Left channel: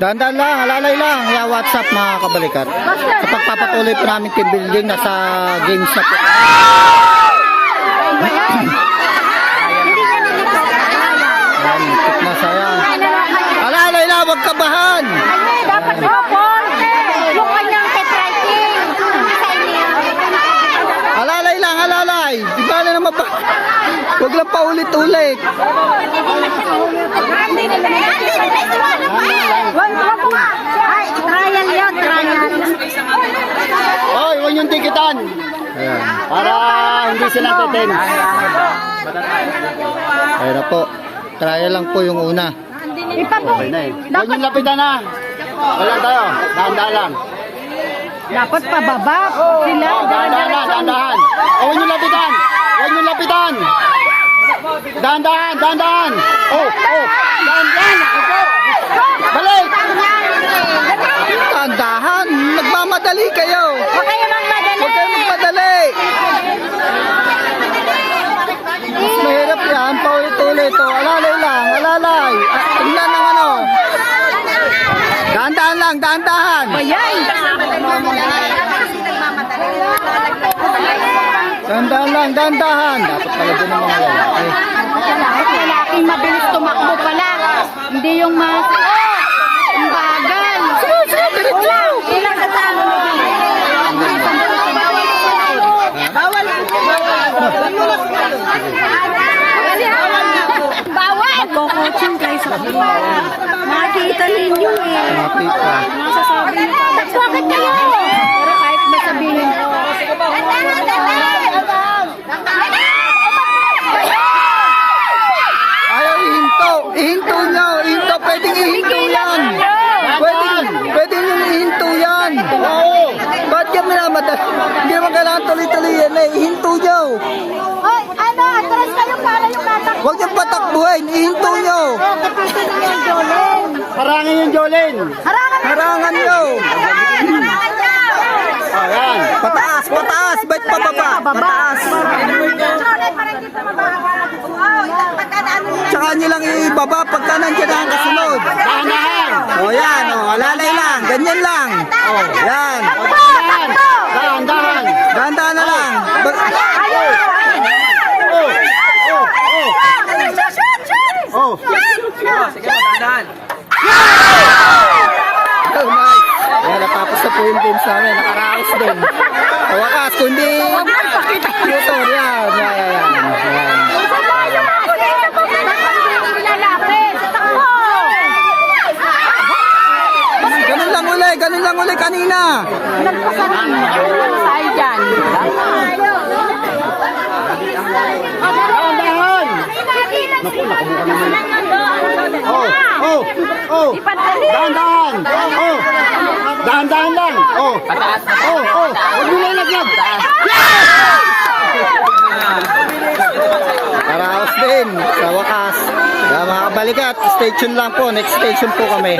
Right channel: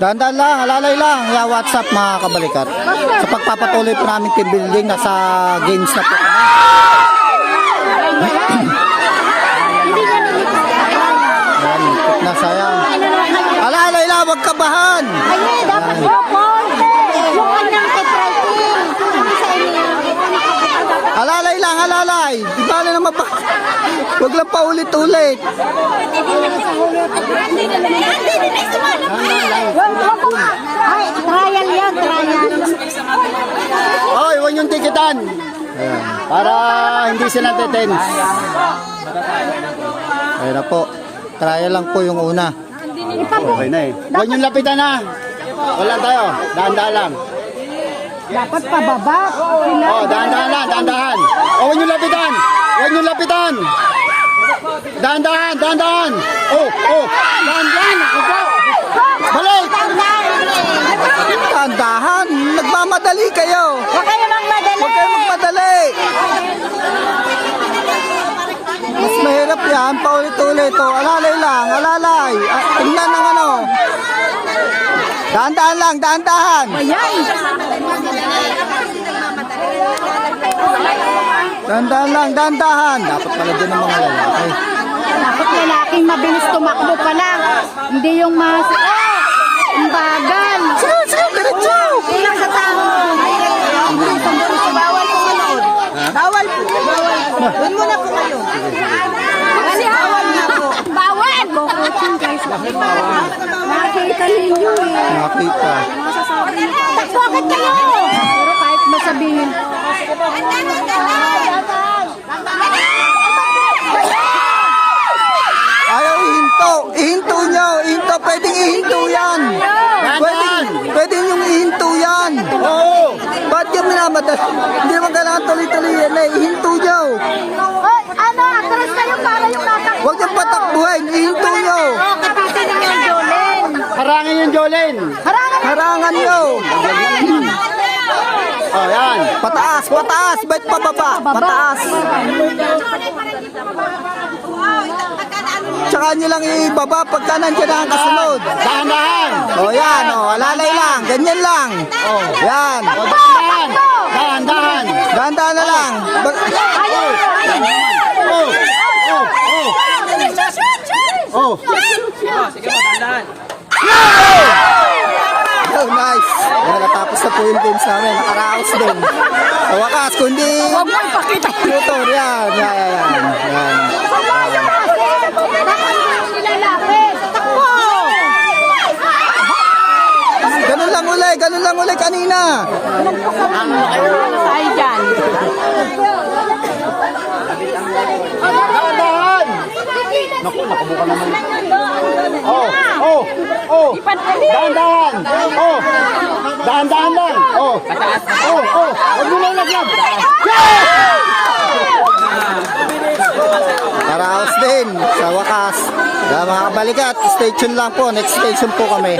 Dahan-dahan lang, alalay lang. Ya WhatsApp mga kabalikat. Sa pagpapatuloy po namin team building, nasa games na po kami. Ayan, tip na sayang. Alalay lang, wag kabahan. Yung kanyang typewriting. Sa inyo. Alalay lang, alalay. Di ba na naman ba? Wag lang paulit-ulit. Ay, trial yan, trial. Oy, huwag yung tikitan. Ayan. Para hindi sila tetens. Ayan na po. Trial lang po yung una. Okay na eh. Huwag yung lapitan na. Wala tayo. Dahan-dahan lang. Dapat pababa. Oh, dahan-dahan lang, dahan-dahan. Oh, huwag yung lapitan. Huwag yung lapitan. Dahan-dahan, dahan-dahan. Oh, dahan-dahan. Balik. Dahan-dahan. Nagmamadali kayo. Huwag kayo magmadali. Huwag kayo magmadali. Mas mahirap yan. Paulit-ulit. Oh, alalay lang, alalay. Tingnan ng ano. Dahan-dahan lang, dahan-dahan. Dahan-dahan lang, dahan-dahan. Dapat pala din ang mga lalaki. Dapat lalaking mabilis tumakbo pala. Hindi yung mas... Ang bagal. Sige, diretso. Bawal. Nakikita ninyo eh. Nakita. Bakit kayo? Pero kahit masabihin. Ayaw ihinto. Ihinto nyo. Ihinto. Pwedeng ihinto yan. Pwedeng yung ihinto yan. Oo. Ba't yan minamadali? Hindi naman kailangan tuloy-tuloy yan eh. Ihinto nyo. Oh, ano? Atras kayo para yung tatakbo. Huwag yung patakbuhin. Ihinto nyo. Kapatid niyo, Jolene. Harangan yung Jolene. Harangan nyo. Pataas, pataas. Ba't pababa? Pataas. Tsaka nyo lang ibaba pagka nandiyan na ang kasunod. O yan, o. Alalay lang. Ganyan lang. Yan. Dahan-dahan na lang. Oh. Oh, nice. Yan, natapos na po yung games namin. Nakaraos din. Sa wakas, kundi motor. Yan. Ganun lang uli kanina. Tayo dyan. Naku, nakabuka naman. Oh. Dahan-dahan. Oh. Dahan-dahan lang. Oh. Huwag mo na lagyan. Nakaraos din sa wakas. Mga kabalikat, stay tuned lang po. Next station po kami.